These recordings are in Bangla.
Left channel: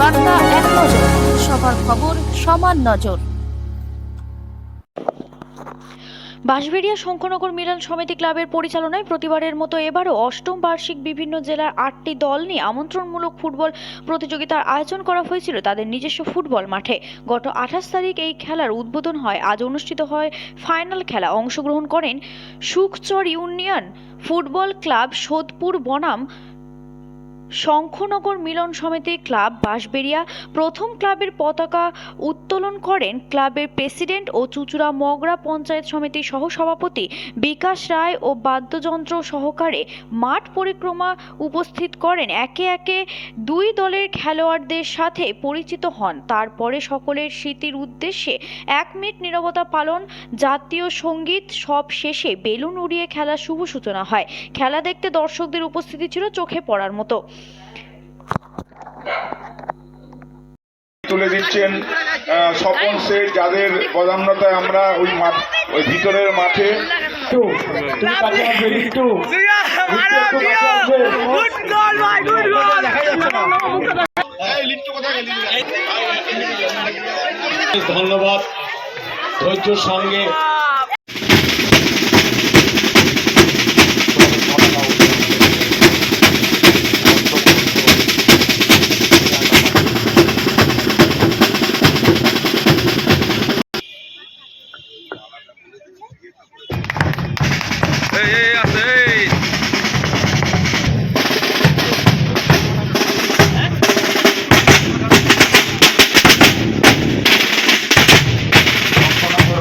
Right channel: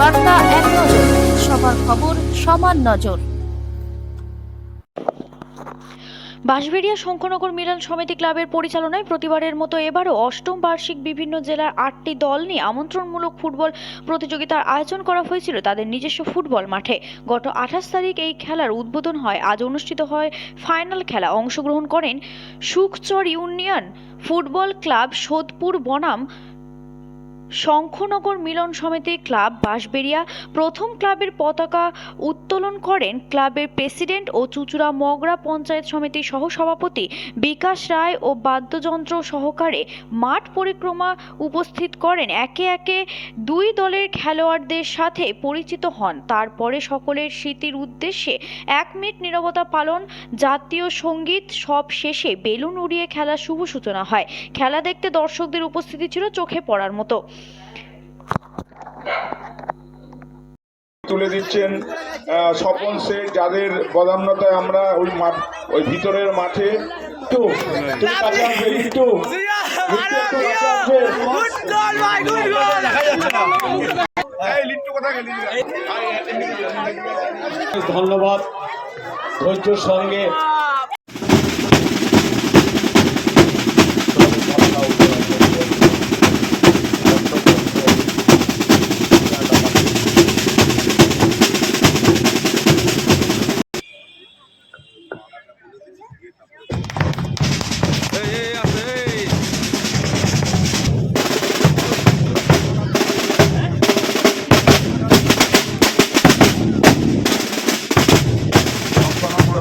বার্তা এক নজর, সবার খবর সমান নজর। বাঁশবেড়িয়া শঙ্করনগর মিলন সমিতি ক্লাবের পরিচালনায় প্রতিবারের মতো এবারও অষ্টম বার্ষিক বিভিন্ন জেলার 8টি দল নিয়ে আমন্ত্রণমূলক ফুটবল প্রতিযোগিতার আয়োজন করা হয়েছিল তাদের নিজস্ব ফুটবল মাঠে। গত 28 তারিখ এই খেলার উদ্বোধন হয়। আজ অনুষ্ঠিত হয় ফাইনাল খেলা। অংশগ্রহণ করেন Sukhchar union football club, Sodepur বনাম শঙ্করনগর মিলন সমিতি ক্লাব বাঁশবেড়িয়া। প্রথম ক্লাবের পতাকা উত্তোলন করেন ক্লাবের প্রেসিডেন্ট ও চুচুড়া মগরা পঞ্চায়েত সমিতির সহসভাপতি বিকাশ রায় ও বাদ্যযন্ত্র সহকারে মাঠ পরিক্রমা উপস্থিত করেন। একে একে দুই দলের খেলোয়াড়দের সাথে পরিচিত হন। তারপরে সকলের স্মৃতির উদ্দেশ্যে 1 মিনিট নীরবতা পালন, জাতীয় সঙ্গীত, সব শেষে বেলুন উড়িয়ে খেলার শুভ সূচনা হয়। খেলা দেখতে দর্শকদের উপস্থিতি ছিল চোখে পড়ার মতো। তুলে দিচ্ছেন স্বপন শেখ, যাদের প্রধানতায় আমরা ওই ভিতরের মাঠে ধন্যবাদ ধৈর্যের সঙ্গে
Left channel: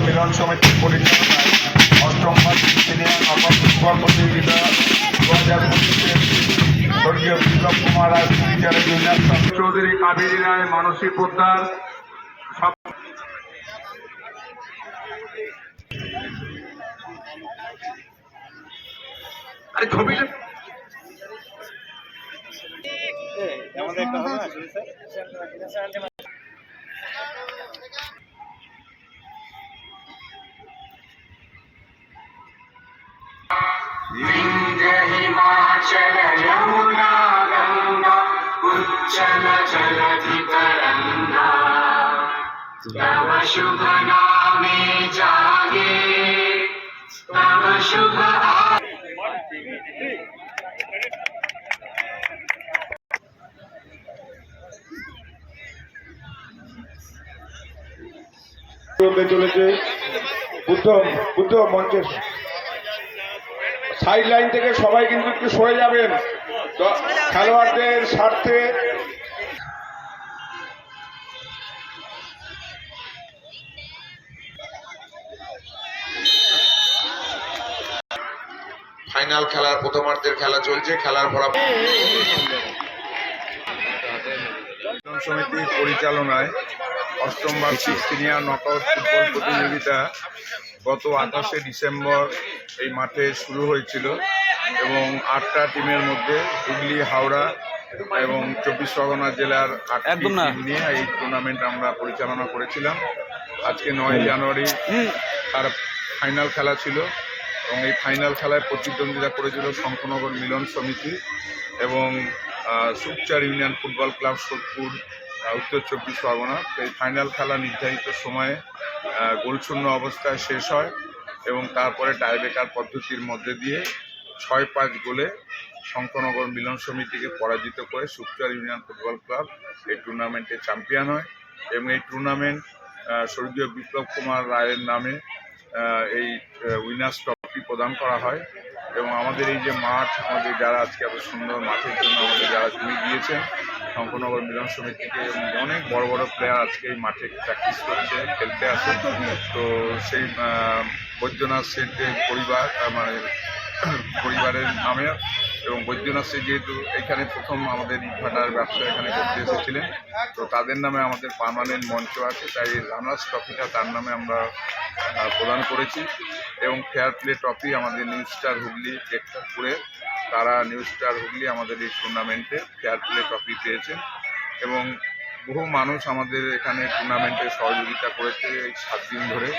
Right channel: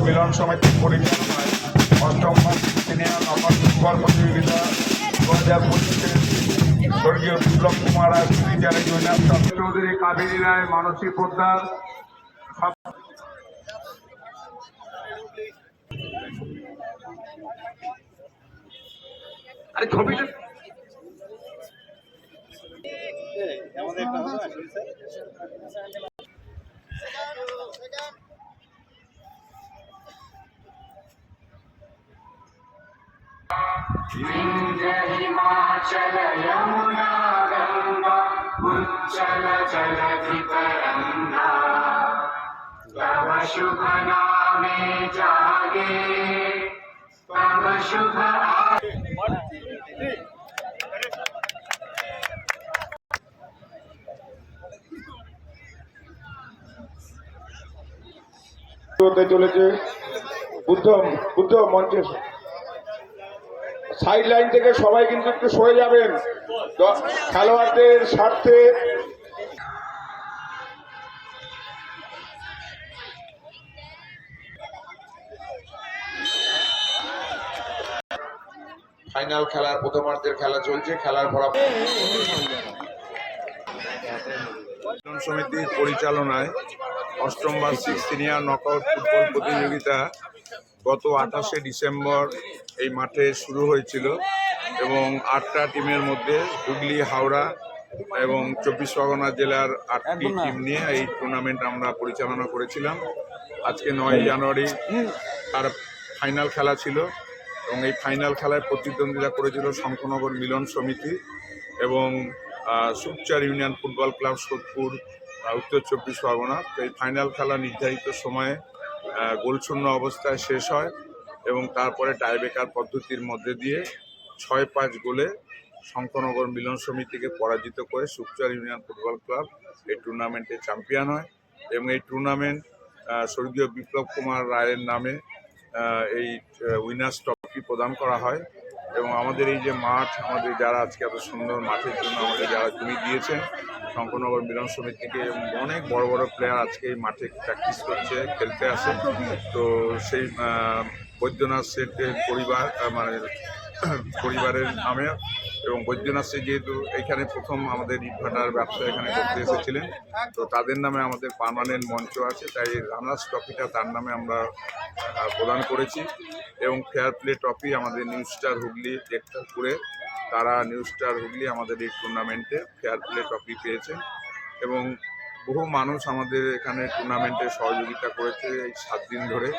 মিলন সমিতির পরিচালনায় অষ্টম সিনিয়র নকল ফুটবল প্রতিযোগিতা 2025-এর স্বর্গীয় বিপ্লব কুমার রায় বিচারে জুনিয়র চৌধুরী, কাবেরী রায়, মানসী পোদ্দার विंध्य हिमाचल यमुना गंगा उच्चल जलधितरंगा तव शुभ नामे जागे तव शुभ চলেছে বুদ্ধ মঞ্চের সাইড লাইন থেকে সবাই কিন্তু একটু সরে যাবেন খেলোয়াড়দের স্বার্থে। ফাইনাল খেলার প্রথমার্ধের খেলা চলছে। খেলার ফলাফল সমিতির পরিচালনায় অষ্টম বার্ষিক সিনিয়র নকআউট ফুটবল প্রতিযোগিতা গত 28শে ডিসেম্বর এই মাঠে শুরু হয়েছিল এবং 8টা টিমের মধ্যে হুগলি, হাওড়া এবং 24 পরগনা জেলার 8টি টিম নিয়ে এই টুর্নামেন্ট আমরা পরিচালনা করেছিলাম। আজকে 9 জানুয়ারি তার ফাইনাল খেলা ছিল এবং এই ফাইনাল খেলায় প্রতিদ্বন্দ্বিতা করেছিল শঙ্করনগর মিলন সমিতি এবং Sukhchar union football club, Sodepur, উত্তর 24 পরগনা। এই ফাইনাল খেলা নির্ধারিত সময়ে গোলশূন্য অবস্থায় শেষ হয় এবং তারপরে টাইব্রেকার পদ্ধতির মধ্যে দিয়ে 6-5 গোলে শঙ্করনগর মিলন সমিতিকে পরাজিত করে সুখচর ইউনিয়ন ফুটবল ক্লাব এই টুর্নামেন্টে চ্যাম্পিয়ন হয় এবং এই টুর্নামেন্ট স্বর্গীয় বিপ্লব কুমার রায়ের নামে এই উইনার্স ট্রফি প্রদান করা হয় এবং আমাদের এই যে মাঠ, আমাদের যারা আজকে এত সুন্দর মাঠের জন্য আমাদের যারা জমি দিয়েছেন শঙ্করনগর মিলন সমিতিকে, অনেক বড় বড় প্লেয়ার আজকে এই মাঠে প্র্যাকটিস করছে, খেলতে আসে। তো সেই বৈদ্যনাথ শেঠের পরিবারের নামে এবং বৈদ্যনাথ শেঠ যেহেতু এখানে প্রথম আমাদের ইটভাটার ব্যবসা এখানে করতে এসেছিলেন, তো তাদের নামে আমাদের পার্মানেন্ট মঞ্চ আছে, তাই রানার্স ট্রফিটা তার নামে আমরা প্রদান করেছি এবং ফেয়ার প্লে ট্রফি আমাদের নিউ স্টার হুগলি টেক্টারপুরে, তারা নিউ স্টার হুগলি আমাদের এই টুর্নামেন্টে ফেয়ার প্লে ট্রফি পেয়েছেন এবং বহু মানুষ আমাদের এখানে টুর্নামেন্টে সহযোগিতা করেছে এই 7 দিন ধরে।